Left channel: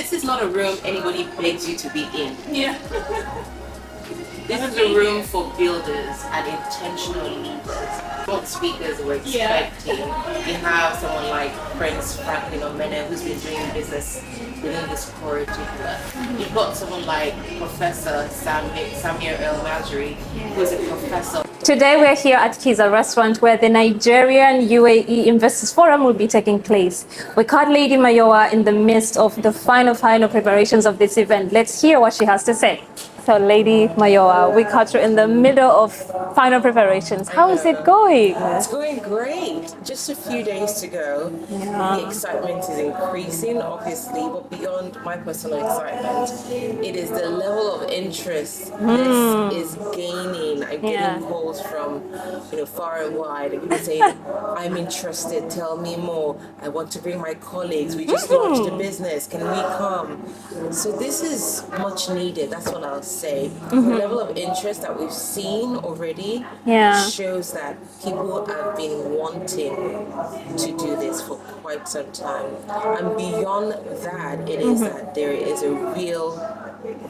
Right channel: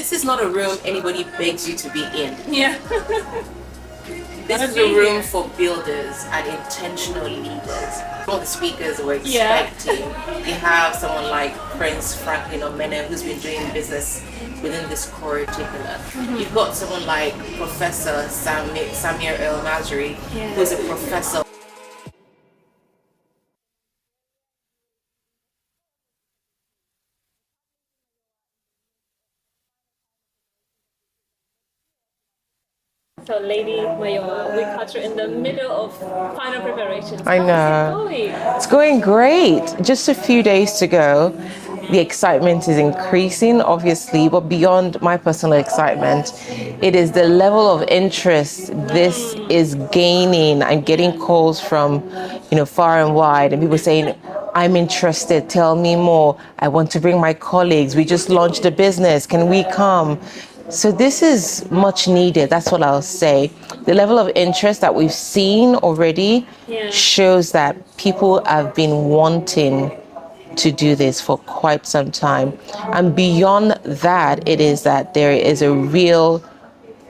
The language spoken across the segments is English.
this is not a room anybody begs you to be in. Yeah. This is a room for builders and intentional leaders. All the speakers we're expecting. You have someone like Prince Franklin Omene, who's been doing business within this curriculum. You've got someone like Professor Samir El Mazri, who's a professor. Today we're here at Kiza restaurant where the Nigerian Uae Investors Forum will be taking place. We caught Lady Mayowa in the midst of the final preparations of this event. Let's hear what she has to say. So Lady Mayowa, we caught you in the middle of final preparations. How is it going? It's going great. Just a few days to go. The excitement is increasing, obviously, but beyond my personal excitement, it is the level of interest this is gaining. I'm getting calls from, far and wide, and people saying, I'm interested, tell me more. I want to bring my colleagues. We just launched a business. Can we come? So this is much needed. That's what I'll say. The level of interest that we've seen already shows that people have been wanting to do this for quite some time. And beyond that, it is that there is a real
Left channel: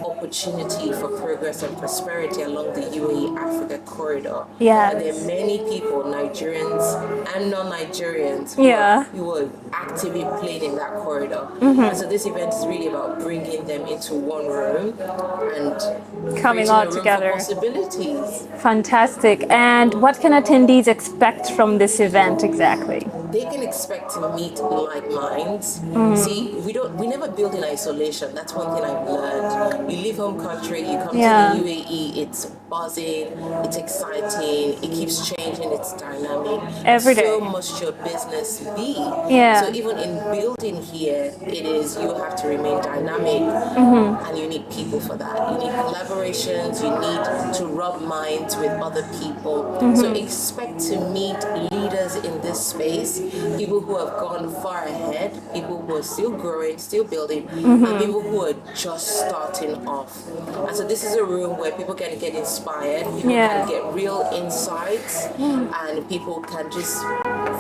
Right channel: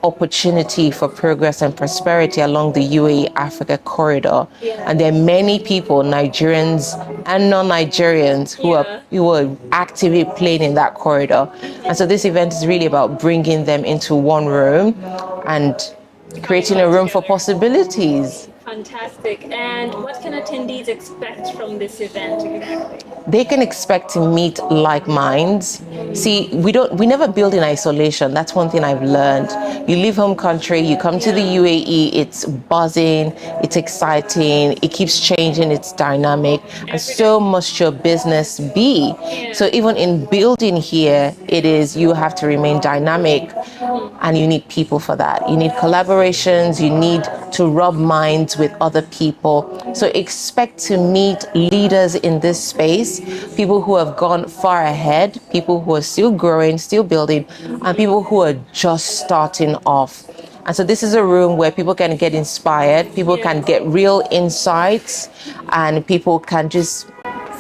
opportunity for progress and prosperity along the UAE Africa corridor. And there are many people, Nigerians and non-Nigerians, who are actively playing in that corridor. And so this event is really about bringing them into one room and creating a room for possibilities. Fantastic. And what can attendees expect from this event exactly? They can expect to meet like minds. See, we never build in isolation. That's one thing I've learned. You leave home country, you come to the UAE, it's buzzing, it's exciting, it keeps changing, it's dynamic. And so must your business be. So even in building here, it is you have to remain dynamic and you need people for that. You need collaborations, you need to rub minds with other people. So expect to meet leaders in this space, people who have gone far ahead, people who are still growing, still building, and people who are just starting off. And so this is a room where people can get inspired, people can get real insights, and people can just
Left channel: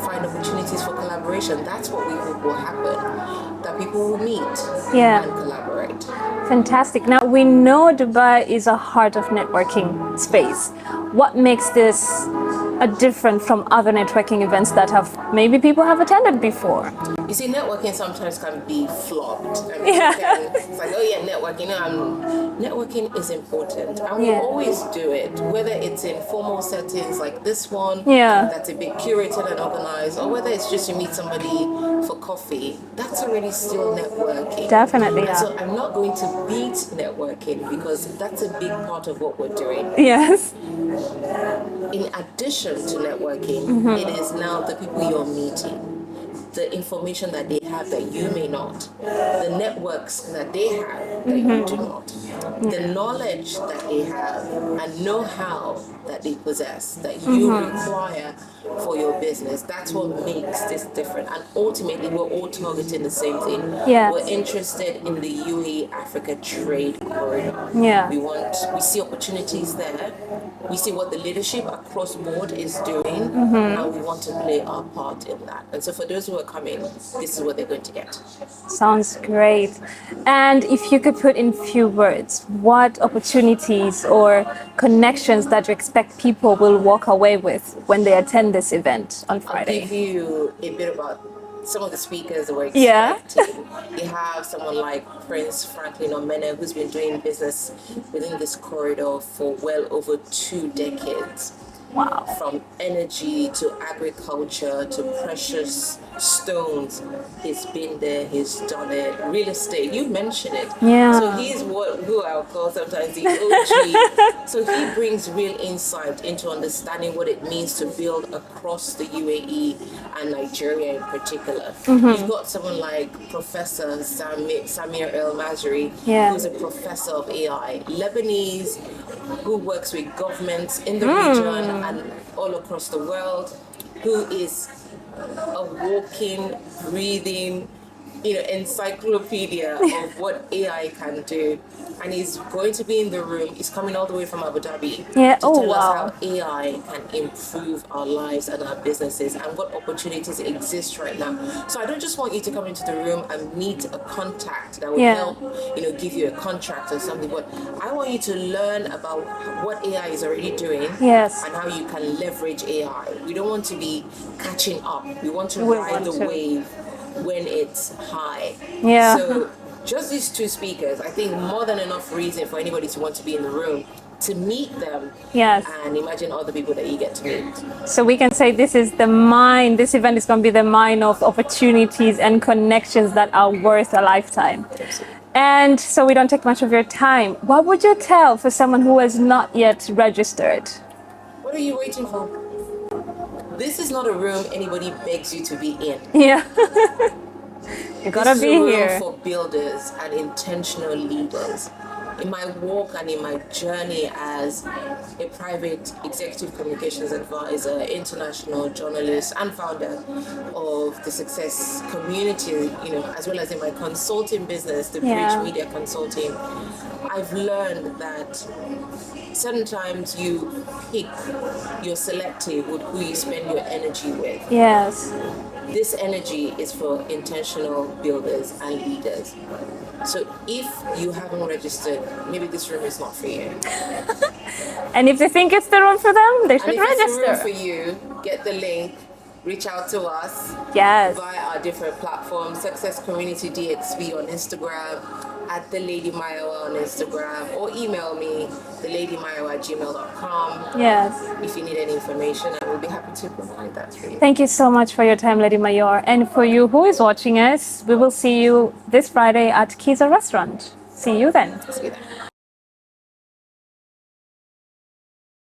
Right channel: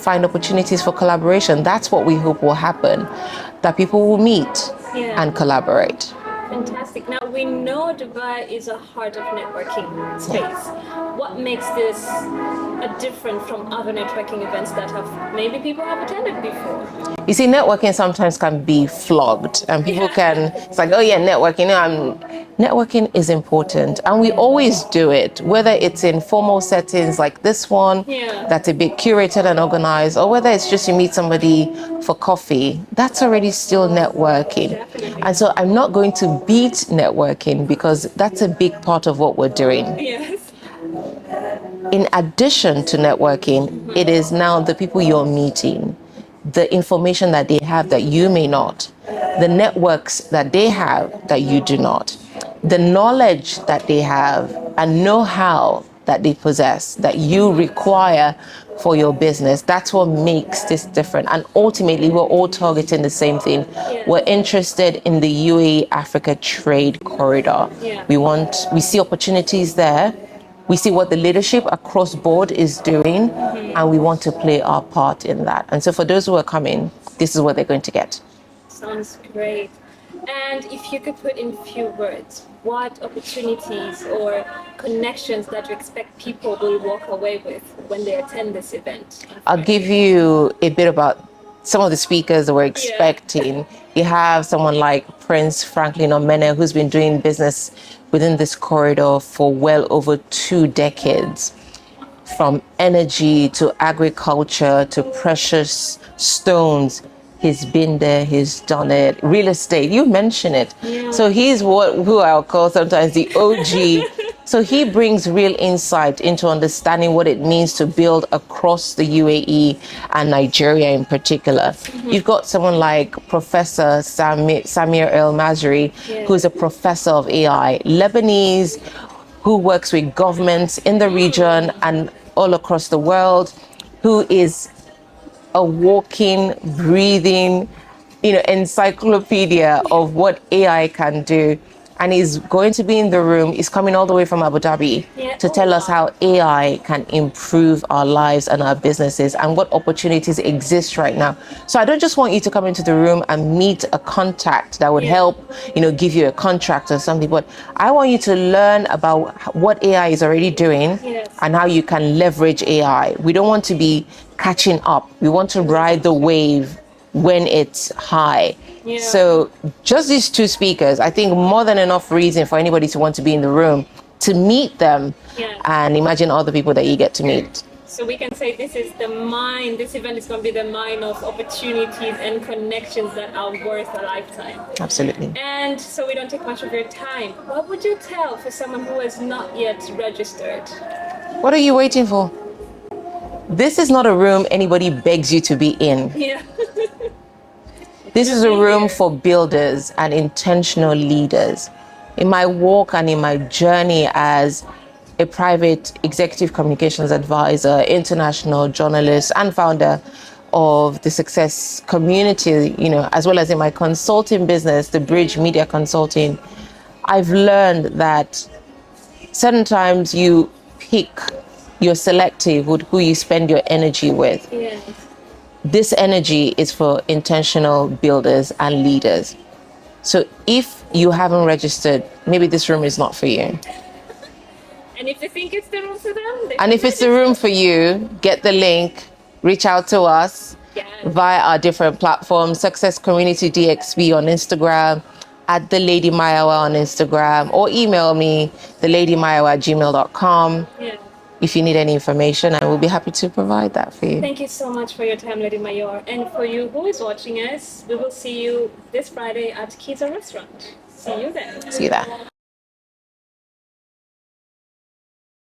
find opportunities for collaboration. That's what we hope will happen, that people will meet and collaborate. Fantastic. Now, we know Dubai is a heart of networking space. What makes this different from other networking events that maybe people have attended before? You see, networking sometimes can be flogged, and people it's like, oh yeah, networking. Networking is important, and we always do it, whether it's in formal settings like this one, that's a bit curated and organized, or whether it's just you meet somebody for coffee, that's already still networking. Definitely. And so I'm not going to beat networking because that's a big part of what we're doing. Yes. In addition to networking, it is now the people you're meeting, the information that they have that you may not, the networks that they have that you do not, the knowledge that they have and know-how that they possess that you require for your business. That's what makes this different. And ultimately, we're all targeting the same thing. We're interested in the UAE Africa trade corridor. We see opportunities there. We see what the leadership across board is doing, and we want to play our part in that. And so for those who are coming, this is what they're going to get. Sounds great. And if you could put in few words, what opportunities or connections that you expect people will walk away with when they attend this event on Friday? I'll give you a bit about some of the speakers that we're expecting. You have someone like Prince Franklin Omene, who's been doing business within this corridor for well over 2 decades. Wow. From energy to agriculture to precious stones. He's been there, he's done it. Real estate, you mentioned it. So he's who I'll call sometimes the OG. So he brings real insight into understanding what it means to build across the UAE and Nigeria in particular. You've got someone like Professor Samir El Mazri, who's a professor of AI, Lebanese, who works with governments in the region and all across the world, who is a walking, breathing, encyclopedia of what AI can do. and he's going to be in the room. He's coming all the way from Abu Dhabi to tell us how AI can improve our lives and our businesses and what opportunities exist right now. So I don't just want you to come into the room and meet a contact that would help, give you a contract or something, but I want you to learn about what AI is already doing and how you can leverage AI. We don't want to be catching up. We want to ride the wave when it's high. So just these two speakers, I think more than enough reason for anybody to want to be in the room, to meet them and imagine all the people that you get to meet. So we can say this event is going to be the mine of opportunities and connections that are worth a lifetime. Absolutely. And so we don't take much of your time. What would you tell for someone who has not yet registered? What are you waiting for? This is not a room anybody begs you to be in. This is a room for builders and intentional leaders. In my walk and in my journey as a private executive communications advisor, international journalist, and founder of the Success Community, as well as in my consulting business, the Bridge Media Consulting, I've learned that certain times you pick, you're selective with who you spend your energy with. This energy is for intentional builders and leaders. So if you haven't registered, maybe this room is not for you. And if they think it's the room for them, they should register. And if it's the room for you, get the link, reach out to us via our different platforms, Success Community DXB on Instagram, at The Lady Mayowa on Instagram, or email me, theladymayowa@gmail.com. If you need any information, I will be happy to provide that for you. Thank you so much for your time, Lady Mayor. And for you who is watching us, we will see you this Friday at Kiza restaurant. See you then. See you there.